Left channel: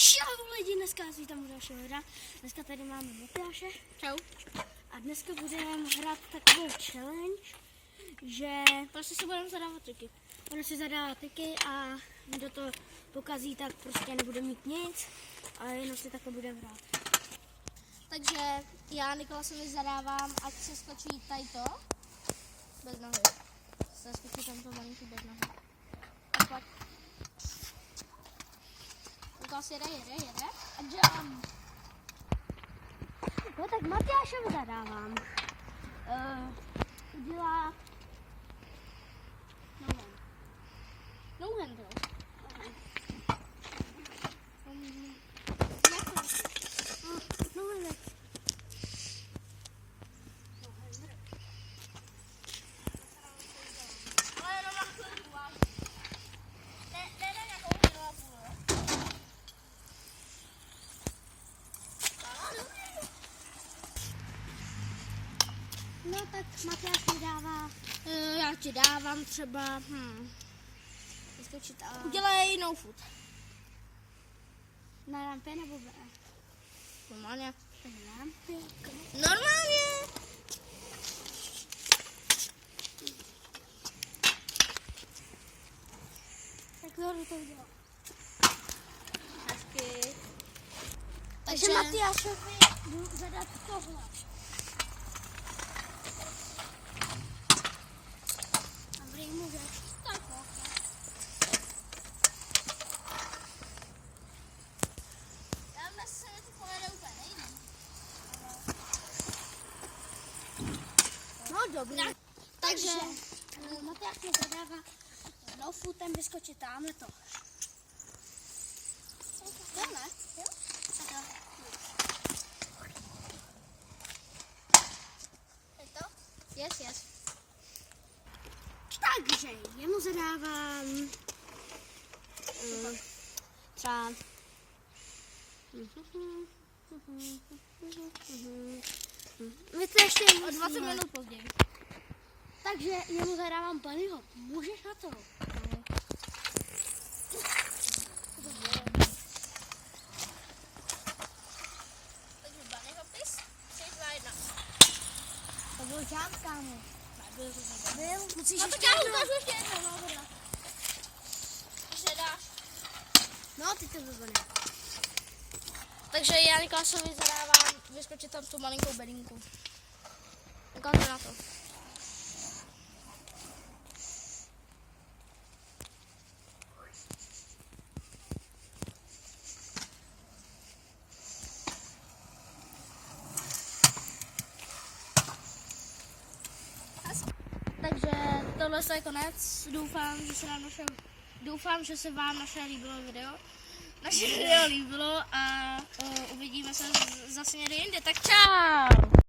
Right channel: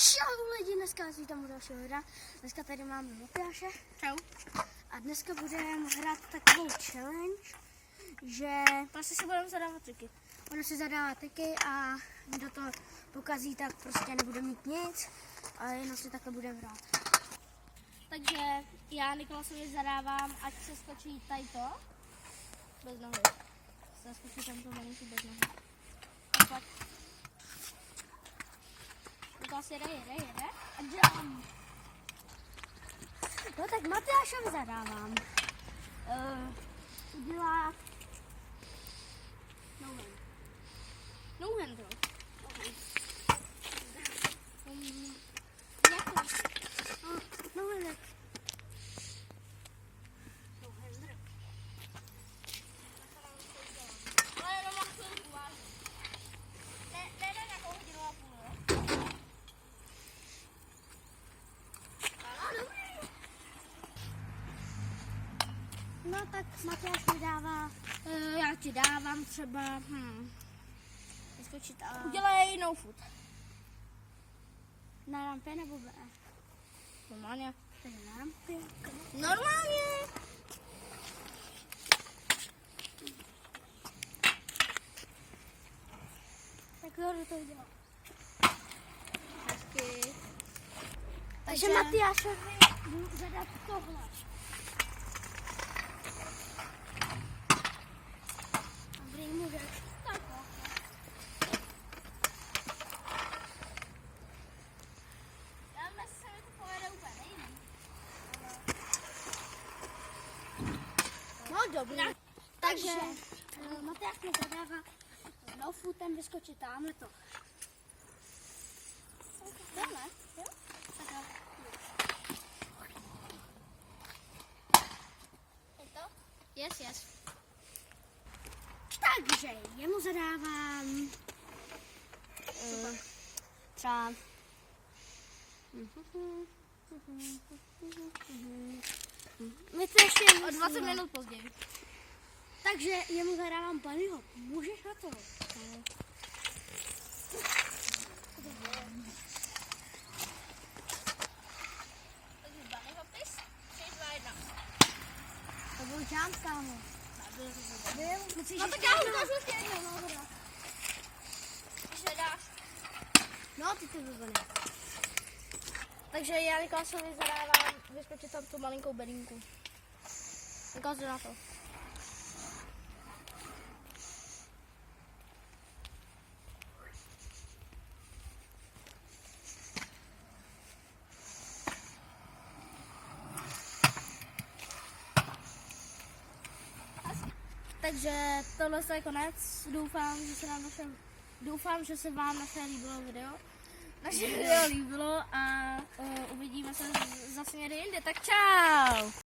Čau lidi, dneska vás vítám u dalšího videa. Dneska tady máme Matyáše. Čau. A dneska budeme hrát takovou challenge, že Prostě si budeme zadávat triky. ono si zadává triky a kdo to pokazí, tak prostě nebude mít nic. A jenom si takhle budeme hrát. Takže já Nikolasovi zadávám, ať se skočí tady to. Bez nohy. Se skočí tam to malinký bez nohy. Tak. Nikolas jede. A jump. No tak Matyášovi zadávám. Udělat No hand throw. No tak Matyáš mi dává Já ti dávám třeba, vyskočit a udělej no foot. na rampě nebo B? Normálně. Tak na rampě. Normálně. Tak Zoru to udělá. Hezky. Takže Matyášovi jdu zadat tohle. Dobrý mu dát. Tak Já myslím, že se mi to povede úplně nejvíc. no dobrý. Takže Matyáš mi zadává no footem vyskočit tam, je to. Tohle? Jo? Je to? Yes. Takže jemu zadávám třeba my to ještě O 20 minut později. Takže jemu zadávám bunnyho. Můžeš na to? Takže bunny hopis, 3, 2, 1. To byl jump, kámo. Musíš No tak ještě já jednou. ukážu ještě jednou, no dobrá. Když nedáš. No, ty to vůbec. Takže já Nikolasovi zadávám vyskočit tam tu malinkou bedinku. Ukážu na to. Takže tohle je konec. Doufám, že se vám naše video líbilo a uvidíme se zase někdy jinde. Tak čau!